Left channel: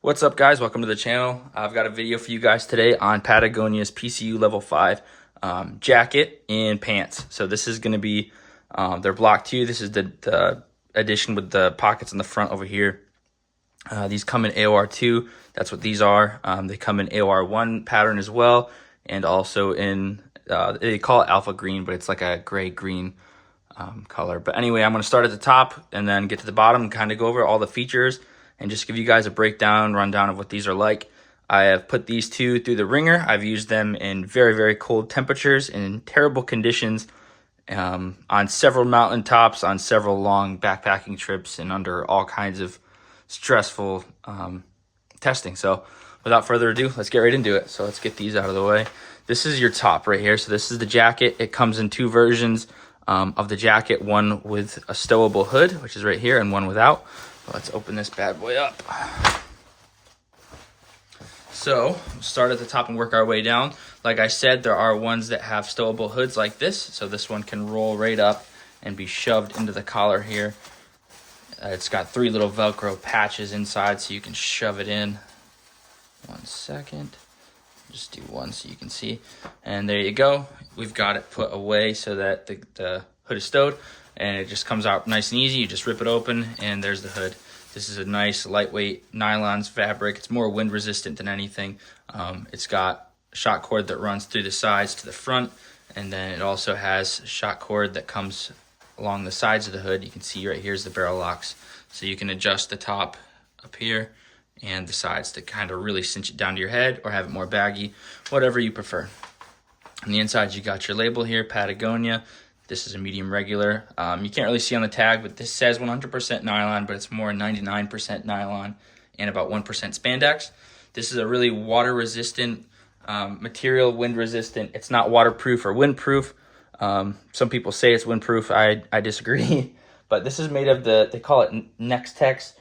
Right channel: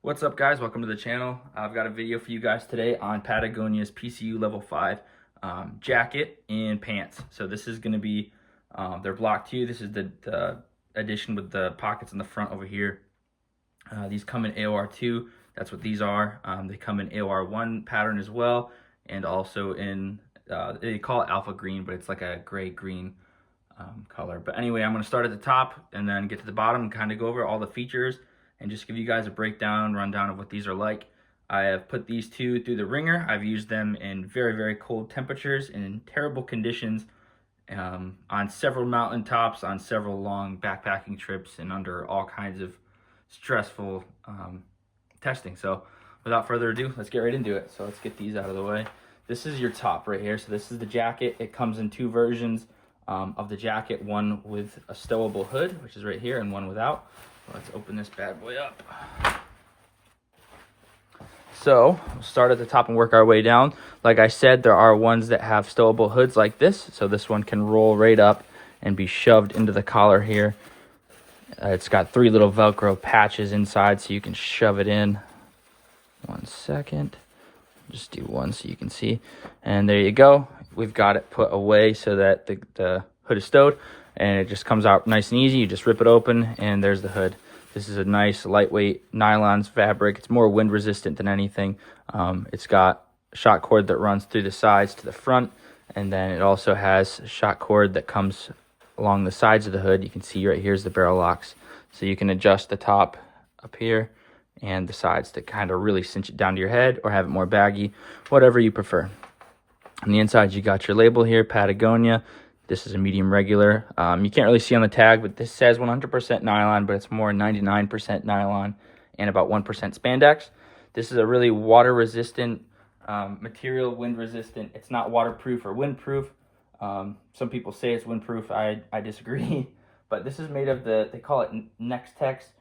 What's up, guys? Welcome to the channel. I've got a video for you guys today on Patagonia's PCU level 5 jacket and pants. So this is going to be their block 2. This is the edition with the pockets in the front over here. These come in AOR 2. That's what these are. They come in AOR 1 pattern as well, and also in they call it alpha green, but it's like a gray green color. But anyway, I'm going to start at the top and then get to the bottom and kind of go over all the features and just give you guys a rundown of what these are like. I have put these two through the ringer. I've used them in very, very cold temperatures in terrible conditions on several mountain tops, on several long backpacking trips, and under all kinds of stressful testing. So without further ado, let's get right into it. So let's get these out of the way. This is your top right here. So this is the jacket. It comes in two versions of the jacket, one with a stowable hood, which is right here, and one without. Let's open this bad boy up. So we'll start at the top and work our way down. Like I said, there are ones that have stowable hoods like this. So this one can roll right up and be shoved into the collar here. It's got 3 little Velcro patches inside so you can shove it in. 1 second. Just do one so you can see. And there you go. We've got it put away so that the hood is stowed. And it just comes out nice and easy. You just rip it open and there's the hood. This is a nice lightweight nylon fabric. It's more wind resistant than anything. It's got a shock cord that runs through the sides to the front, and then it also has a shock cord that comes along the sides of the hood. You can see right here's the barrel locks. So you can adjust the top up here and the sides to kind of really cinch it down to your head or have it more baggy, whatever you prefer. On the inside, you got your label here, Patagonia. This is a medium regular. You can't really see on the tag, but this says 100% nylon, but it's more 99% nylon and about 1% spandex. This is a really water-resistant material, wind-resistant. It's not waterproof or windproof. Some people say it's windproof. I disagree. But this is made of they call it Next-Tex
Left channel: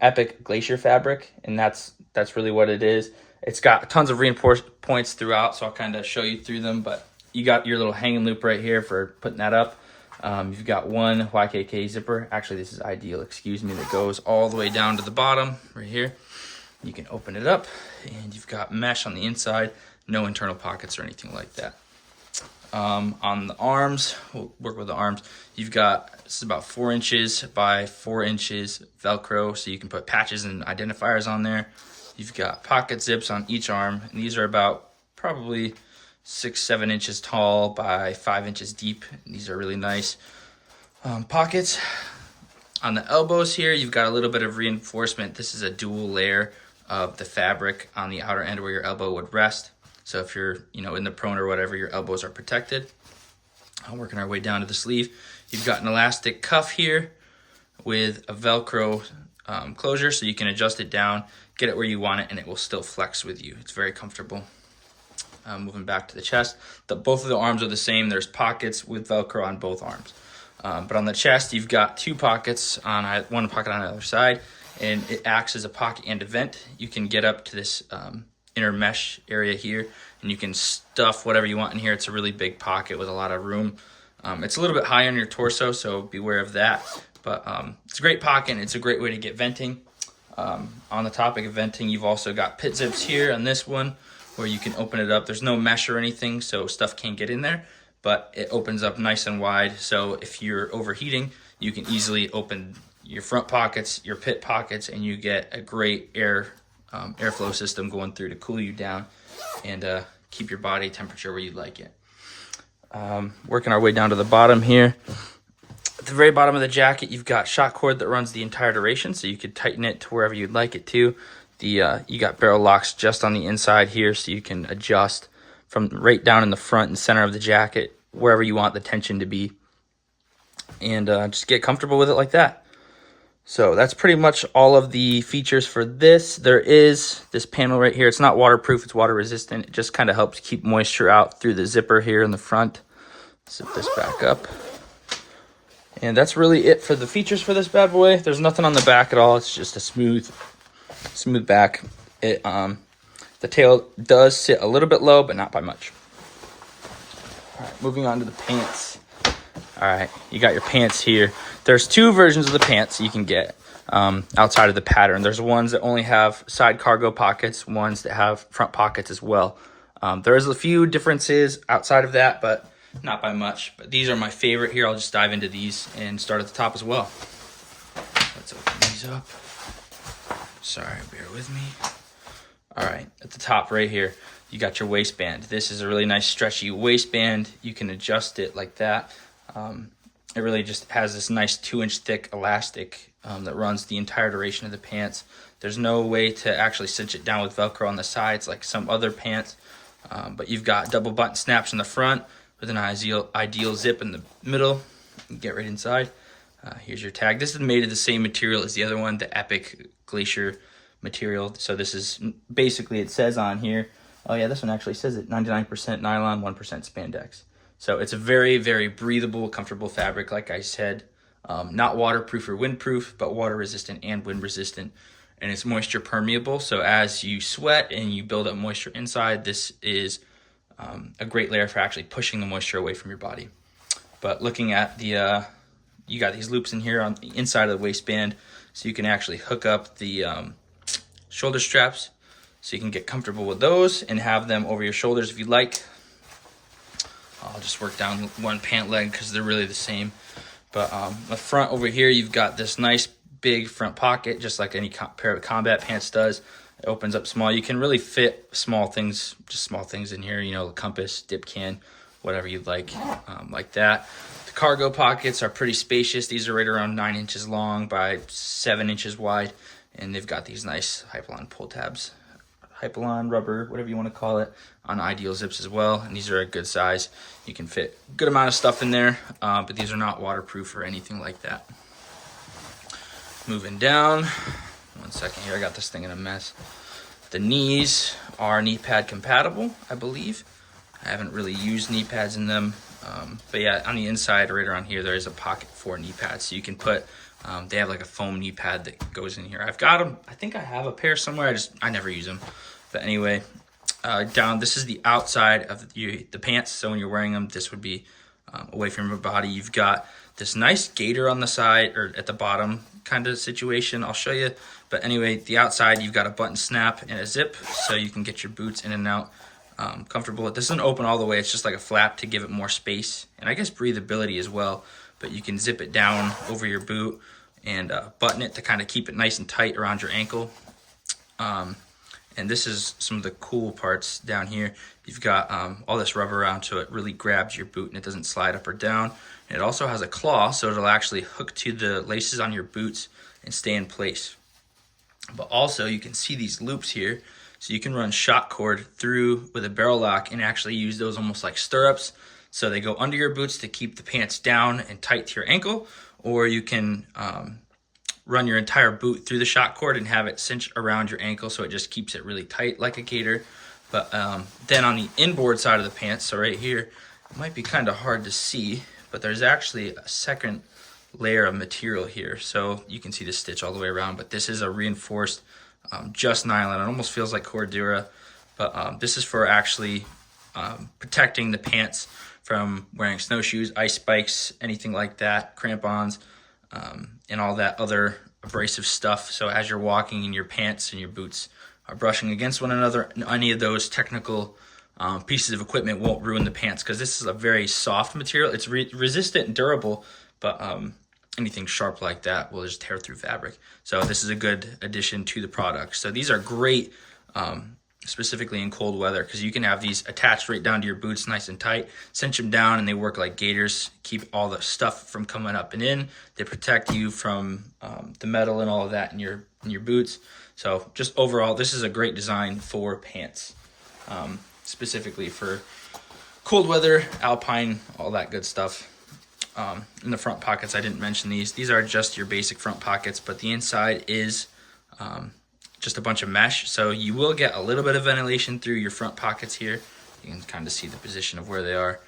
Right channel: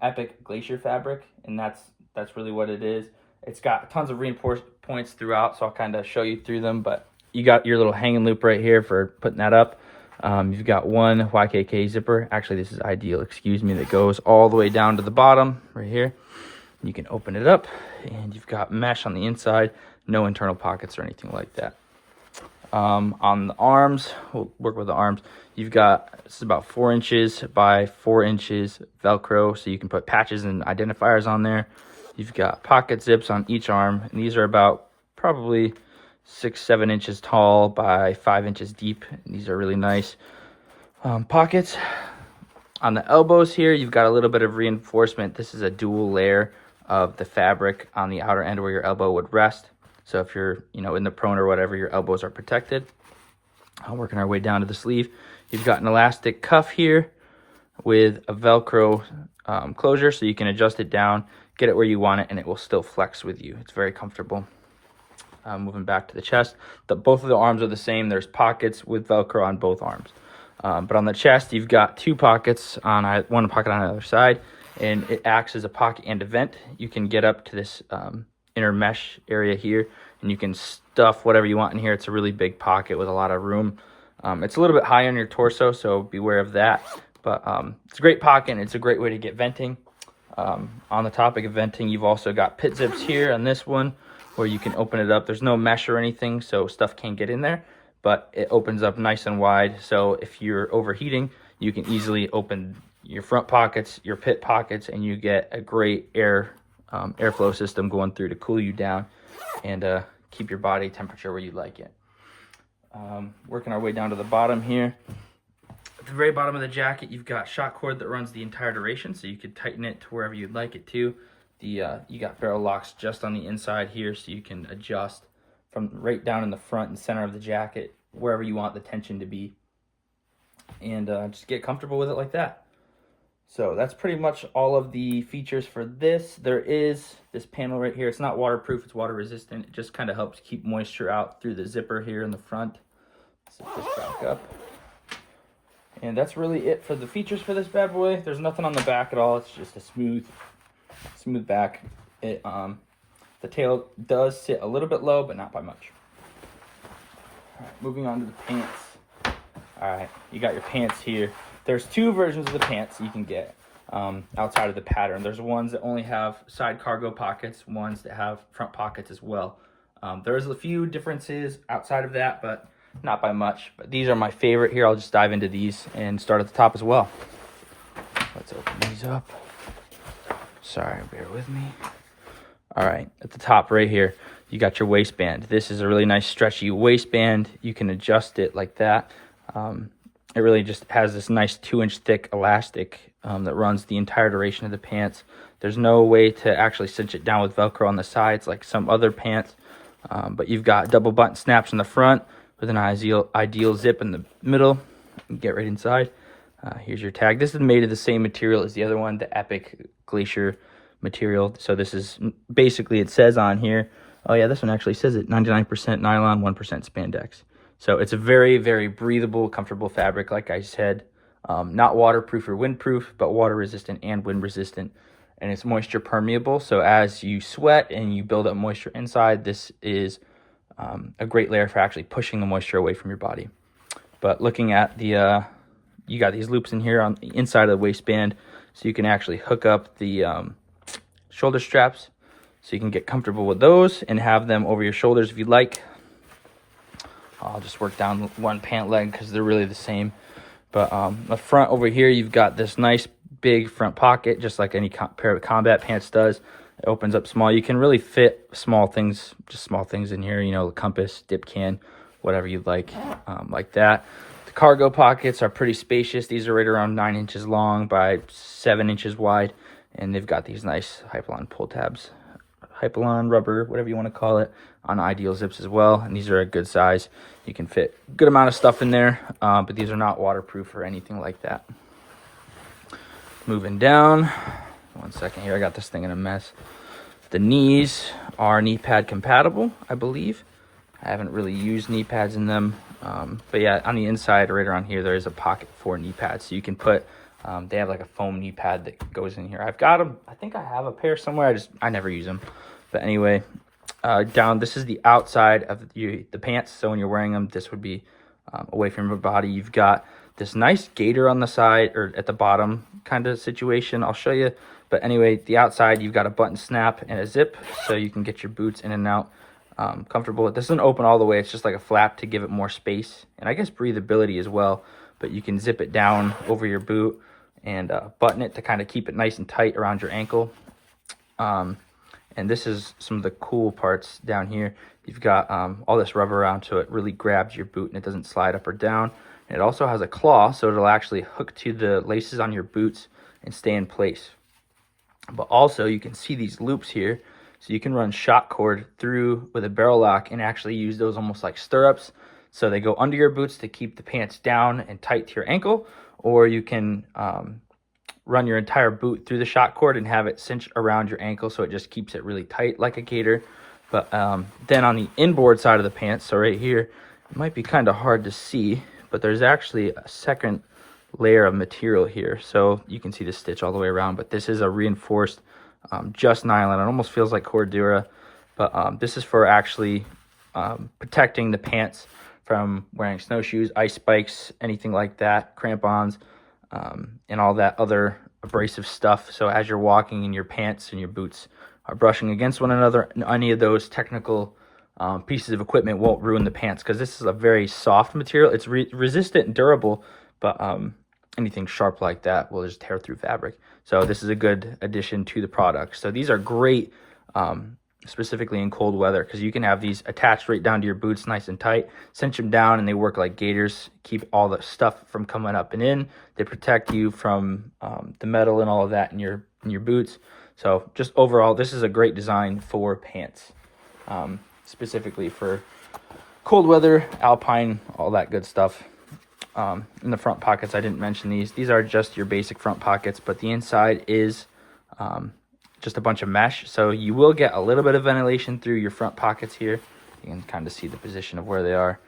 Epic Glacier fabric, and that's really what it is. It's got tons of reinforced points throughout, so I'll kind of show you through them, but you got your little hanging loop right here for putting that up. You've got one YKK zipper. Actually, this is ideal, excuse me, that goes all the way down to the bottom right here. You can open it up, and you've got mesh on the inside, no internal pockets or anything like that. On the arms, we'll work with the arms. You've got, this is about 4 inches by 4 inches Velcro, so you can put patches and identifiers on there. You've got pocket zips on each arm, and these are about probably 6-7 inches tall by 5 inches deep. These are really nice pockets. On the elbows here, you've got a little bit of reinforcement. This is a dual layer of the fabric on the outer end where your elbow would rest. So if you're in the prone or whatever, your elbows are protected. Working our way down to the sleeve, you've got an elastic cuff here with a Velcro closure, so you can adjust it down, get it where you want it, and it will still flex with you. It's very comfortable. Moving back to the chest, both of the arms are the same. There's pockets with Velcro on both arms. But on the chest, you've got 2 pockets, one pocket on the other side, and it acts as a pocket and a vent. You can get up to this inner mesh area here, and you can stuff whatever you want in here. It's a really big pocket with a lot of room. It's a little bit higher on your torso, so beware of that. But it's a great pocket, and it's a great way to get venting. On the topic of venting, you've also got pit zips here on this one, where you can open it up. There's no mesh or anything, so stuff can't get in there, but it opens up nice and wide. So if you're overheating, you can easily open your front pockets, your pit pockets, and you get a great airflow system going through to cool you down and keep your body temperature where you like it. Working our way down to the bottom here. At the very bottom of the jacket, you've got shock cord that runs the entire duration, so you could tighten it to wherever you'd like it to. You got barrel locks just on the inside here, so you can adjust from right down in the front and center of the jacket, wherever you want the tension to be, and just get comfortable with it like that. So that's pretty much all of the features for this. There is this panel right here. It's not waterproof, it's water resistant. It just kind of helps keep moisture out through the zipper here in the front. Zip this back up. And that's really it for the features for this bad boy. There's nothing on the back at all. It's just a smooth back. The tail does sit a little bit low, but not by much. All right, moving on to the pants. All right, you got your pants here. There's 2 versions of the pants you can get. outside of the pattern. There's ones that only have side cargo pockets, ones that have front pockets as well. There's a few differences outside of that, but not by much. But these are my favorite here. I'll just dive into these and start at the top as well. Let's open these up. Sorry, bear with me. All right, at the top right here, you got your waistband. This is a really nice stretchy waistband. You can adjust it like that. It really just has this nice 2-inch thick elastic that runs the entire duration of the pants. There's no way to actually cinch it down with Velcro on the sides like some other pants, but you've got double button snaps in the front with an ideal zip in the middle. Get right inside. Here's your tag. This is made of the same material as the other one, the Epic Glacier material. So this is basically, it says on here, oh yeah, this one actually says it, 99% nylon, 1% spandex. So it's a very, very breathable, comfortable fabric, like I said. Not waterproof or windproof, but water resistant and wind resistant. And it's moisture permeable. So as you sweat and you build up moisture inside, this is a great layer for actually pushing the moisture away from your body. But looking at the, you got these loops in here on the inside of the waistband. So you can actually hook up the shoulder straps. So you can get comfortable with those and have them over your shoulders if you'd like. I'll just work down one pant leg because they're really the same. But the front over here, you've got this nice big front pocket, just like any pair of combat pants does. It opens up small. You can really fit small things, just small things in here, you know, the compass, dip can, whatever you'd like that. The cargo pockets are pretty spacious. These are right around 9 inches long by 7 inches wide. And they've got these nice Hypalon pull tabs. Hypalon rubber, whatever you want to call it, on ideal zips as well. And these are a good size. You can fit a good amount of stuff in there, but these are not waterproof or anything like that. Moving down, one second here, I got this thing in a mess. The knees are knee pad compatible, I believe. I haven't really used knee pads in them, but yeah, on the inside right around here, there is a pocket for knee pads. So you can put, they have like a foam knee pad that goes in here. I've got them. I think I have a pair somewhere. I never use them. But anyway, down, this is the outside of the pants. So when you're wearing them, this would be away from your body. You've got this nice gaiter on the side or at the bottom kind of situation. I'll show you. But anyway, the outside, you've got a button snap and a zip so you can get your boots in and out comfortable. This doesn't open all the way. It's just like a flap to give it more space and I guess breathability as well. But you can zip it down over your boot and button it to kind of keep it nice and tight around your ankle. And this is some of the cool parts down here. You've got all this rubber around so it really grabs your boot and it doesn't slide up or down. And it also has a claw so it'll actually hook to the laces on your boots and stay in place. But also you can see these loops here. So you can run shot cord through with a barrel lock and actually use those almost like stirrups. So they go under your boots to keep the pants down and tight to your ankle. Or you can run your entire boot through the shot cord and have it cinch around your ankle so it just keeps it really tight like a gaiter. But then on the inboard side of the pants, so right here, it might be kind of hard to see, but there's actually a second layer of material here. So you can see the stitch all the way around, but this is a reinforced just nylon. It almost feels like Cordura, but this is for actually protecting the pants from wearing snowshoes, ice spikes, anything like that, crampons, and all that other abrasive stuff. So as you're walking and your pants and your boots are brushing against one another, any of those technical pieces of equipment won't ruin the pants because this is a very soft material. It's resistant and durable, but anything sharp like that will just tear through fabric. So this is a good addition to the product. So these are great specifically in cold weather because you can have these attached right down to your boots nice and tight, cinch them down, and they work like gaiters, keep all the stuff from coming up and in. They protect you from the metal and all of that in your boots. So just overall, this is a great design for pants, specifically for cold weather, alpine, all that good stuff. In the front pockets, I didn't mention these. These are just your basic front pockets, but the inside is just a bunch of mesh. So you will get a little bit of ventilation through your front pockets here. You can kind of see the position of where they are.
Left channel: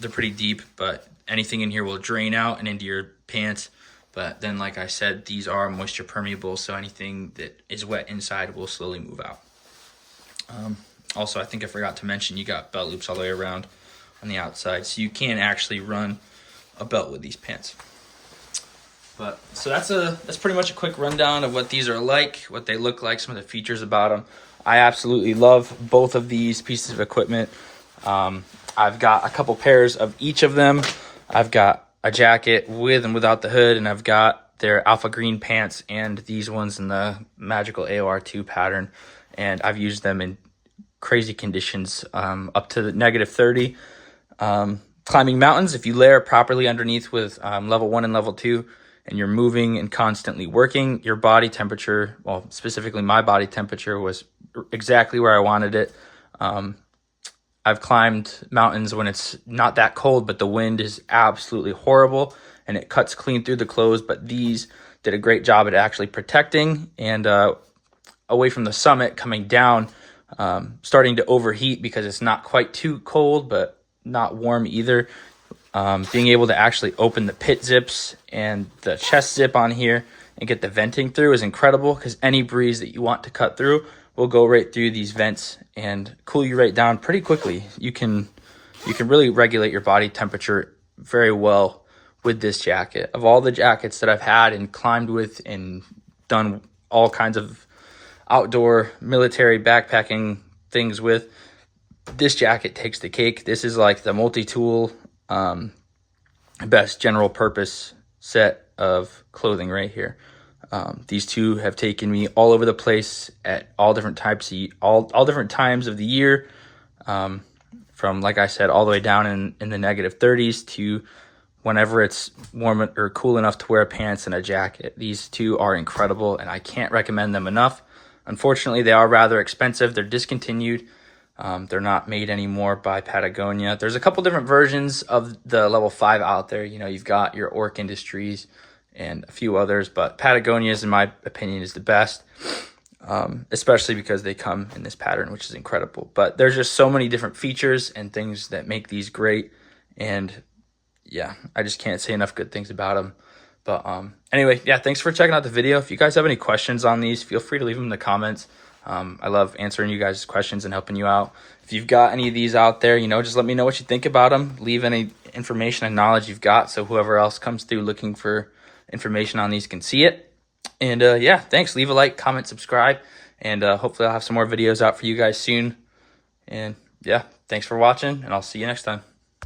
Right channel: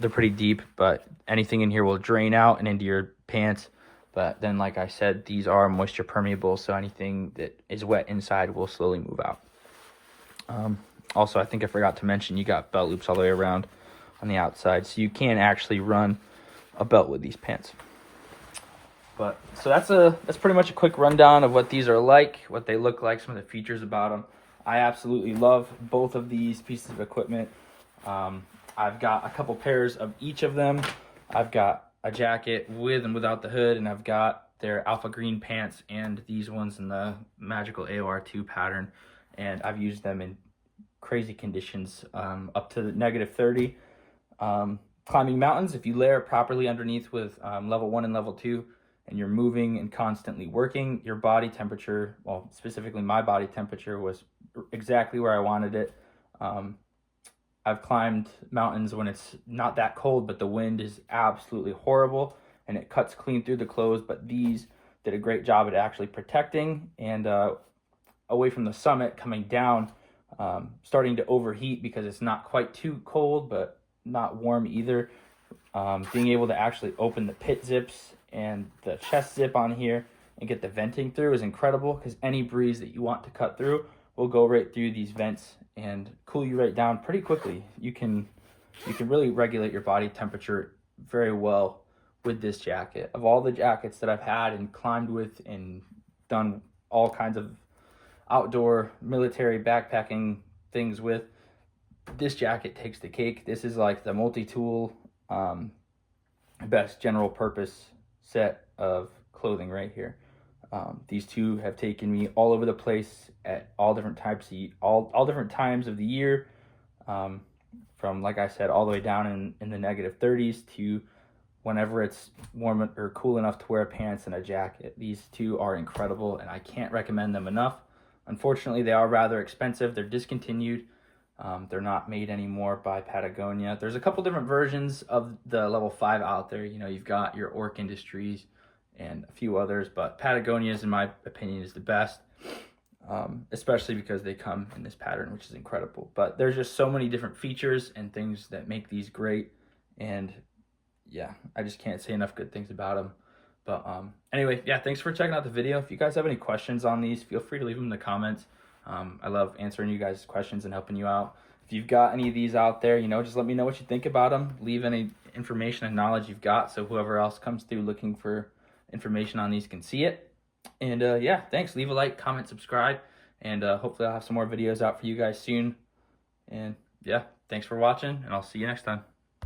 They're pretty deep, but anything in here will drain out and into your pants. But then, like I said, these are moisture permeable, so anything that is wet inside will slowly move out. Also, I think I forgot to mention, you got belt loops all the way around on the outside, so you can actually run a belt with these pants. But so that's pretty much a quick rundown of what these are like, what they look like, some of the features about them. I absolutely love both of these pieces of equipment. I've got a couple pairs of each of them. I've got a jacket with and without the hood, and I've got their alpha green pants and these ones in the magical AOR2 pattern. And I've used them in crazy conditions, up to the -30. Climbing mountains, if you layer properly underneath with level 1 and level 2, and you're moving and constantly working, your body temperature, well, specifically my body temperature, was exactly where I wanted it. I've climbed mountains when it's not that cold, but the wind is absolutely horrible and it cuts clean through the clothes. But these did a great job at actually protecting, and away from the summit, coming down, starting to overheat because it's not quite too cold, but not warm either. Being able to actually open the pit zips and the chest zip on here and get the venting through is incredible, because any breeze that you want to cut through will go right through these vents and cool you right down pretty quickly. You can really regulate your body temperature very well with this jacket. Of all the jackets that I've had and climbed with and done all kinds of outdoor military backpacking things with, this jacket takes the cake. This is like the multi-tool, best general purpose set of clothing right here. These two have taken me all over the place at all different types of, all different times of the year, from, like I said, all the way down in the -30s to whenever it's warm or cool enough to wear pants and a jacket. These two are incredible, and I can't recommend them enough. Unfortunately, they are rather expensive. They're discontinued. They're not made anymore by Patagonia. There's a couple different versions of the level 5 out there. You know, you've got your Orc Industries and a few others, but Patagonia's, in my opinion, is the best, especially because they come in this pattern, which is incredible. But there's just so many different features and things that make these great, and yeah, I just can't say enough good things about them. But anyway, yeah, thanks for checking out the video. If you guys have any questions on these, feel free to leave them in the comments. I love answering you guys' questions and helping you out. If you've got any of these out there, you know, just let me know what you think about them. Leave any information and knowledge you've got, so whoever else comes through looking for information on these can see it. And yeah, thanks. Leave a like, comment, subscribe, and hopefully I'll have some more videos out for you guys soon. And yeah, thanks for watching, and I'll see you next time.